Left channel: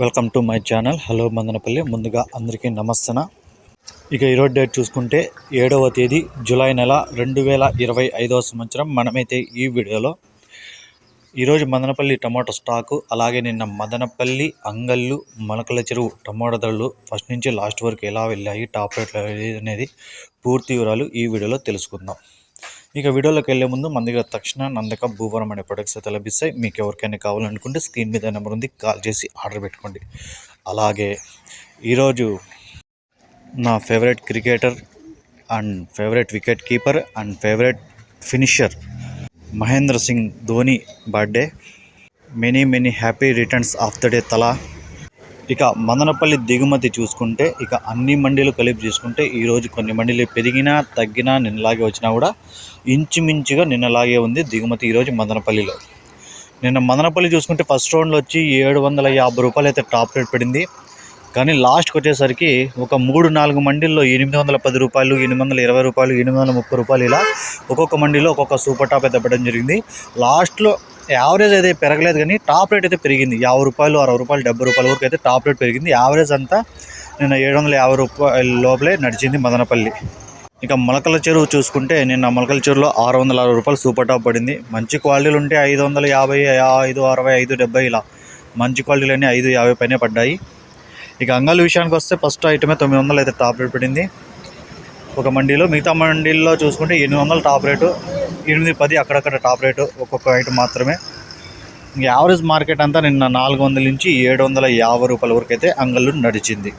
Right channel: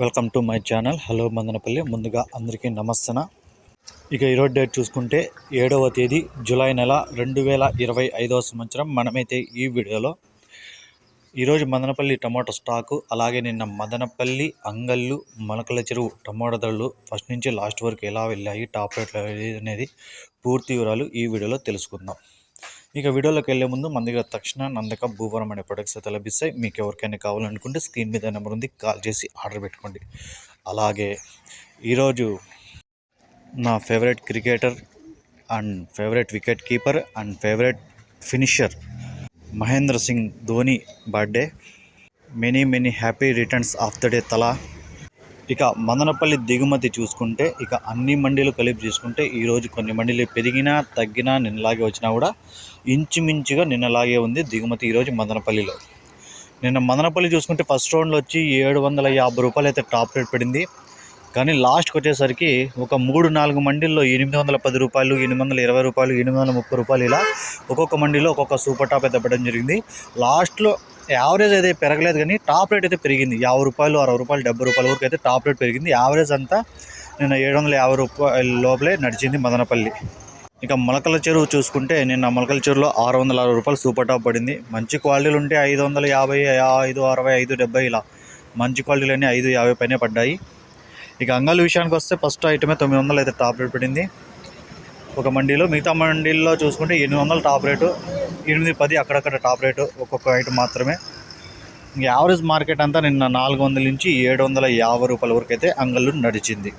Welcome to my channel. Hello Madanapalle. ముందుగా అందరికీ నమస్తన? ఇక ఈరోజు డేట్ చూసుకుంటే ఏడవ తేదీ జూలై నెల రెండు వేల ఇరవై ఐదవ సంవత్సరం. మనమైతే ఈ వీడియోలో ఈరోజు మదనపల్లి టమాటో స్టాకు అలాగే నిన్న మదనపల్లి అంగళ్ళు మొలకల చెరువు టమాటో ధరలు ఫస్ట్ నుంచి లాస్ట్ వరకు ఎలా వెళ్ళాయి టాప్ రేట్లు అనేది పూర్తి వివరాలు ఈ వీడియోలో తెలుసుకుందాం. ఇక వీడియోలోకి వెళ్ళే ముందు మన దగ్గర తక్షణ నందక భూవరం అనే ప్రొడక్ట్స్ అయితే లభిస్తాయి. మీకు ఎవరికైనా కావాలనుకుంటే స్క్రీన్ మీద నెంబర్ ఉంది కాల్ చేసి ఆర్డర్ పెట్టుకోండి. అలాగే ఈరోజు నా favourite cricketer and favourite wicket keeper and favourite finisher Mahendra Singh Dhoni birthday many many happy returns of the day Thala ఇక మదనపల్లి దిగుమతి చూసుకుంటే ఇక అన్ని మండీలు కలిపి చూసుకుంటే ఈరోజు కొన్ని మండీలు పెరిగినా తగ్గినా నిన్నలాగే వచ్చినా కూడా ఇంచుమించుగా నిన్నలాగే ఉంది దిగుమతి ఈరోజు మదనపల్లిలో. నిన్న మదనపల్లి చూసుకుంటే ఫస్ట్ రౌండ్లో వచ్చి ఏడు వందల యాభై రూపాయలు అయితే టాప్ రేట్ పడింది. కానీ లాస్ట్కి వచ్చేసరికి ఒక మూడు నాలుగు మండీల్లో ఎనిమిది వందల పది రూపాయలు ఎనిమిది వందల ఇరవై రూపాయలు ఎనిమిది వందల ముప్పై రూపాయలు ఇలా ఒక్కొక్క మండీలో ఒక్కొక్క సూపర్ టాప్ అయితే పడడం జరిగింది. లాస్ట్లో యావరేజ్ అయితే పెరగలేదు కానీ టాప్ రేట్ అయితే పెరిగింది. యాభై రూపాయలు అరవై రూపాయలు డెబ్బై రూపాయల వరకు అయితే టాప్ రేట్ పెరిగింది. యావరేజ్ అంతా నిన్న ఏడు వందల యాభై రూపాయల లోపలే నడిచింది మదనపల్లి. ఇక మొలకల చెరువు చూసుకుంటే నిన్న మొలకల చెరువులో ఆరు వందల అరవై రూపాయలు సూపర్ టాప్ పడింది. మంచి క్వాలిటీలు ఉంటే ఐదు వందల యాభై ఐదు అరవై ఐదు డెబ్బై ఇలా మంచి క్వాలిటీలన్నీ ఐదు యాభై పైనే పడ్డాయి. ఇక అంగల్ విషయానికి వస్తే ఫస్ట్ ఐటమే తొమ్మిది వందలు అయితే టాప్ రేట్ పడింది. ఒక మండీలో మిగతా మండీల్లో చూసుకుంటే ఎనిమిది వందలు టాప్ రేటు ఎనిమిది పది అక్కడక్కడ టాప్ రేటు ఒక్కొక్క ఐటమ్ మాత్రమే. ఇంక యావరేజ్ మార్కెట్ అంతా నిన్న నాలుగు వందల నుంచి ఏడు వందల యాభై రూపాయల వరకు అయితే అంగళ్ళు నడిచింది.